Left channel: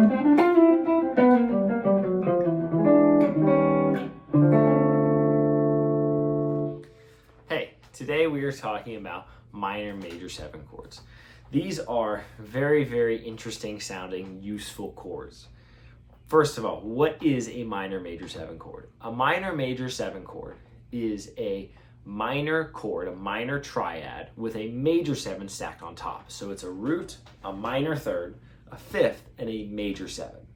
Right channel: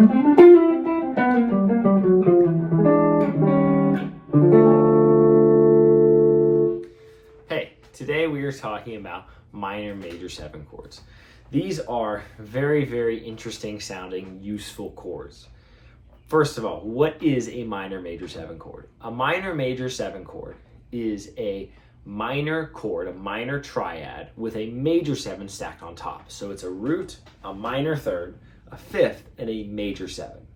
Hey, today we are talking about minor major 7 chords. These are very, very interesting sounding, useful chords. First of all, what is a minor major 7 chord? A minor major 7 chord is a minor chord, a minor triad with a major 7 stacked on top. So it's a root, a minor third, a fifth, and a major 7.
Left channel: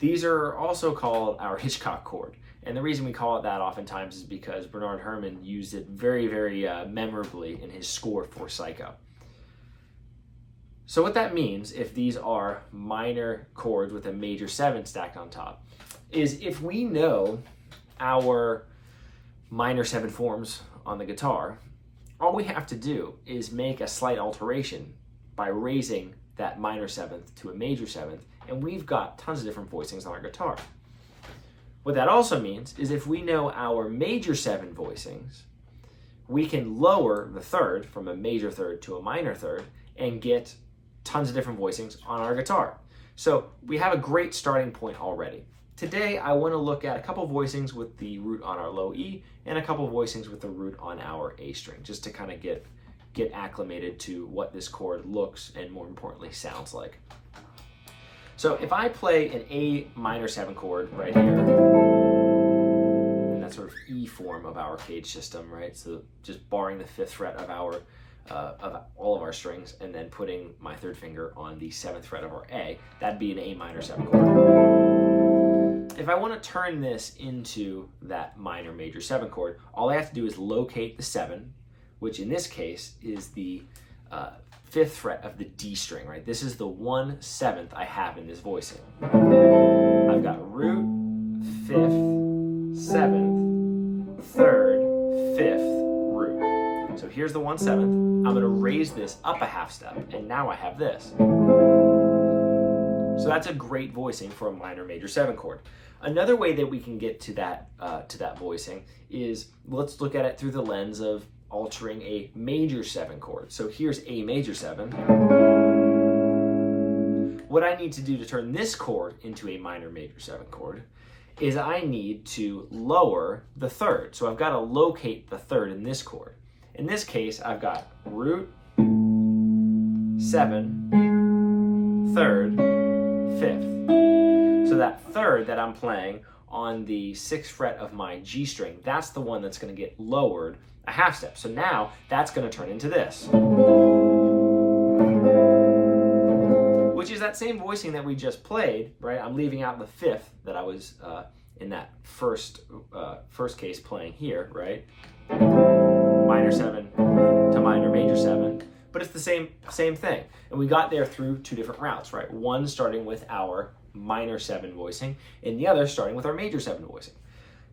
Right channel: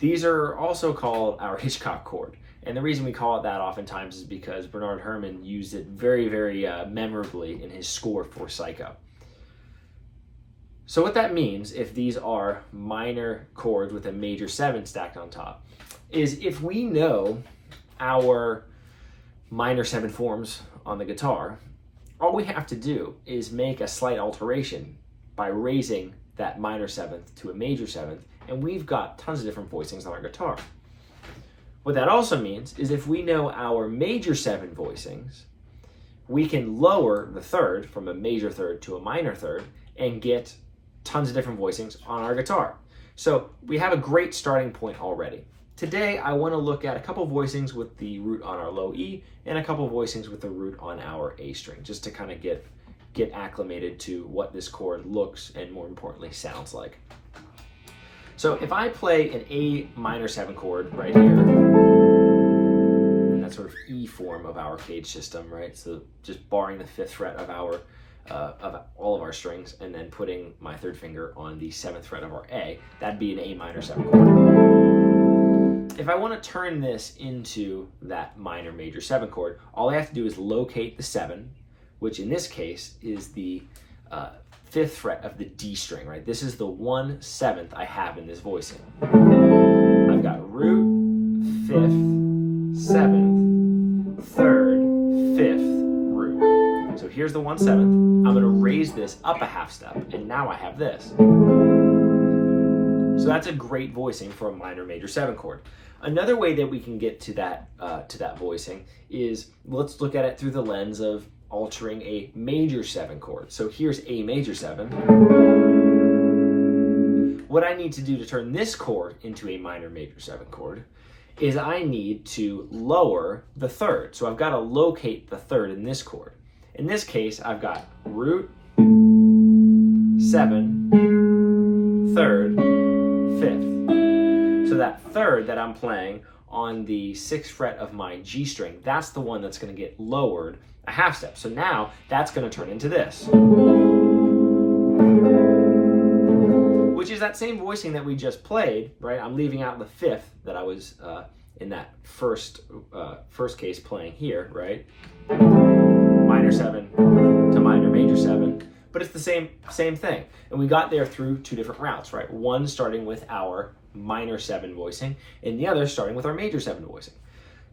These are also called our Hitchcock chord. And the reason we call it that oftentimes is because Bernard Herrmann used it very, very memorably in his score for Psycho. So what that means, if these are minor chords with a major 7 stacked on top, is if we know our minor 7 forms on the guitar, all we have to do is make a slight alteration by raising that minor 7th to a major 7th, and we've got tons of different voicings on our guitar. What that also means is if we know our major 7 voicings, we can lower the third from a major third to a minor third and get tons of different voicings on our guitar. So we have a great starting point already. Today, I want to look at a couple voicings with the root on our low E and a couple voicings with the root on our A string, just to kind of get acclimated to what this chord looks and, more importantly, sounds like. So if I play an A minor 7 chord right here, and that sort of E form of our cage system, right? So just barring the 5th fret of our of all of our strings, and then putting my 3rd finger on the 7th fret of our A, that'd be an A minor 7 chord. If I want to turn this into that minor major 7 chord, all I have to do is locate the 7, which in this case is the 5th fret of the D string, right? This is the 1/7 I have in this voicing. I've got root, 5th, 7th, 3rd, 5th, root. So here's the 1/7. I'm going to raise this up a half step, and now I have this. So that's a great voicing for a minor major 7 chord. Another way that we can get to that voicing is, let's look at it through the lens of altering a major 7 chord. So here's A major 7. What I need to do to turn this chord into a minor major 7 chord is I need to lower the 3rd. So I've got to locate the 3rd in this chord. In this case, I've got root, 7, 3rd, 5th. So that 3rd that I'm playing on the 6th fret of my G string, that's the one that's going to get lowered a half step. So now that's going to turn into this, which is that same voicing that we just played, right? I'm leaving out the 5th that I was in that first case playing here, right? Minor 7 to minor major 7, but it's the same thing. And we got there through 2 different routes, right? One starting with our minor 7 voicing, and the other starting with our major 7 voicing.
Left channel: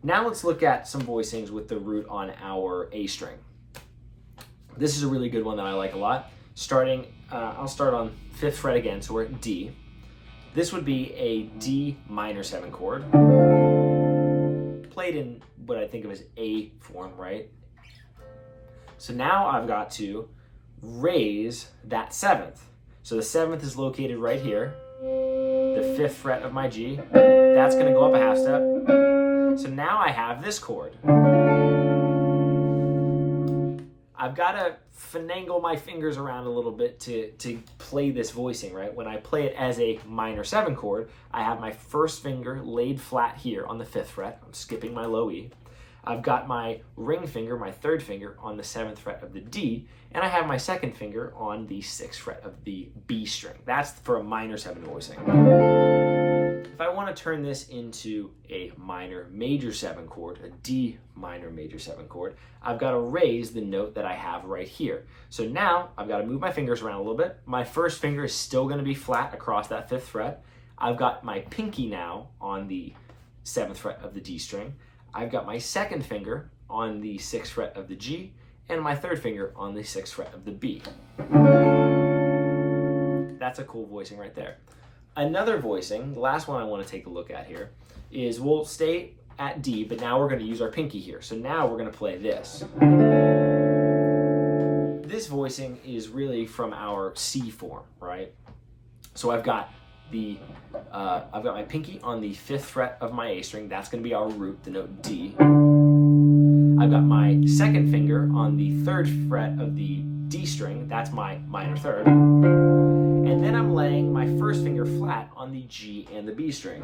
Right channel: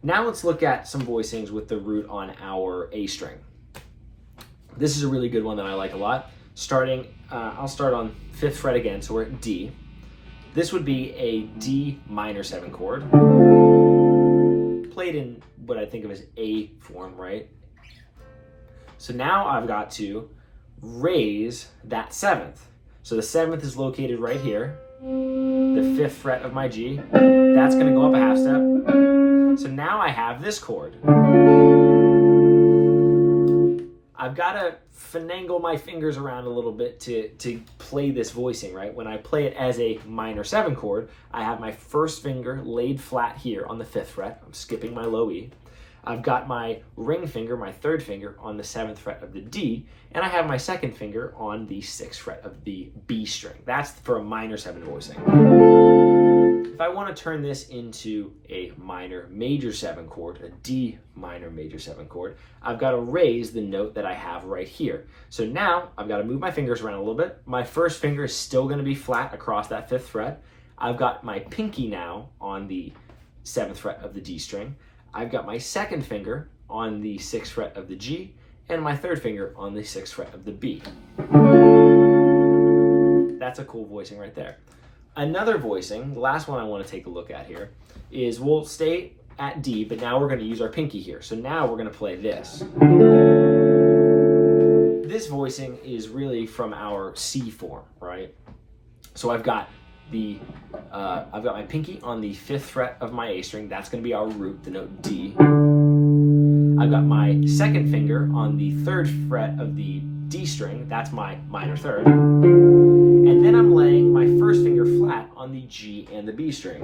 Now let's look at some voicings with the root on our A string. This is a really good one that I like a lot. I'll start on 5th fret again, so we're at D. This would be a D minor 7 chord, played in what I think of as A form, right? So now I've got to raise that 7th. So the 7th is located right here, the 5th fret of my G. That's going to go up a half step. So now I have this chord. I've got to finagle my fingers around a little bit to play this voicing, right? When I play it as a minor 7 chord, I have my 1st finger laid flat here on the 5th fret. I'm skipping my low E. I've got my ring finger, my 3rd finger, on the 7th fret of the D, and I have my 2nd finger on the 6th fret of the B string. That's for a minor 7 voicing. If I want to turn this into a minor major 7 chord, a D minor major 7 chord, I've got to raise the note that I have right here. So now I've got to move my fingers around a little bit. My 1st finger is still going to be flat across that 5th fret. I've got my pinky now on the 7th fret of the D string. I've got my 2nd finger on the 6th fret of the G, and my 3rd finger on the 6th fret of the B. That's a cool voicing right there. Another voicing, the last one I want to take a look at here, is we'll stay at D, but now we're going to use our pinky here. So now we're going to play this. This voicing is really from our C form, right? So I've got I've got my pinky on the 5th fret of my A string. That's going to be our root, the note D. I've got my 2nd finger on the 3rd fret of the D string. That's my minor 3rd. And then I'm laying my 1st finger flat on the G and the B string.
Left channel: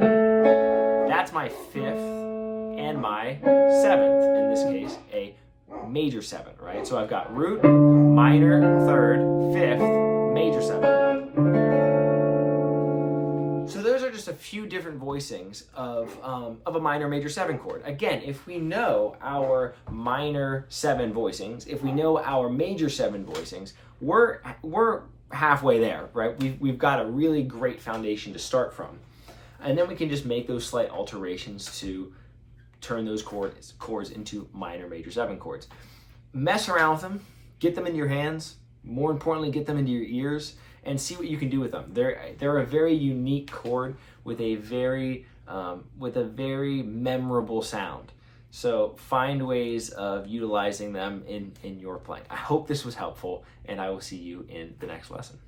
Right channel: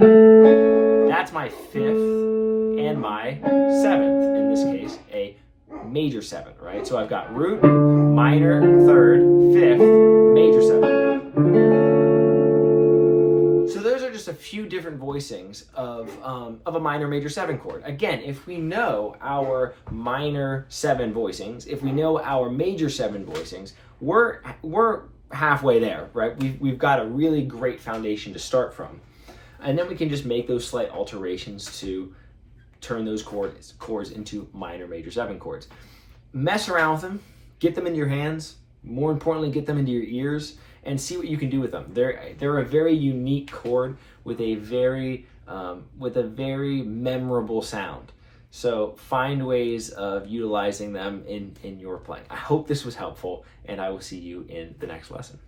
That's my 5th and my 7th, in this case, a major 7, right? So I've got root, minor, 3rd, 5th, major 7. So those are just a few different voicings of a minor major 7 chord. Again, if we know our minor 7 voicings, if we know our major 7 voicings, we're halfway there, right? We've got a really great foundation to start from. And then we can just make those slight alterations to turn those chords into minor major 7 chords. Mess around with them, get them in your hands, more importantly, get them into your ears, and see what you can do with them. They're a very unique chord with a very memorable sound. So find ways of utilizing them in your playing. I hope this was helpful, and I will see you in the next lesson.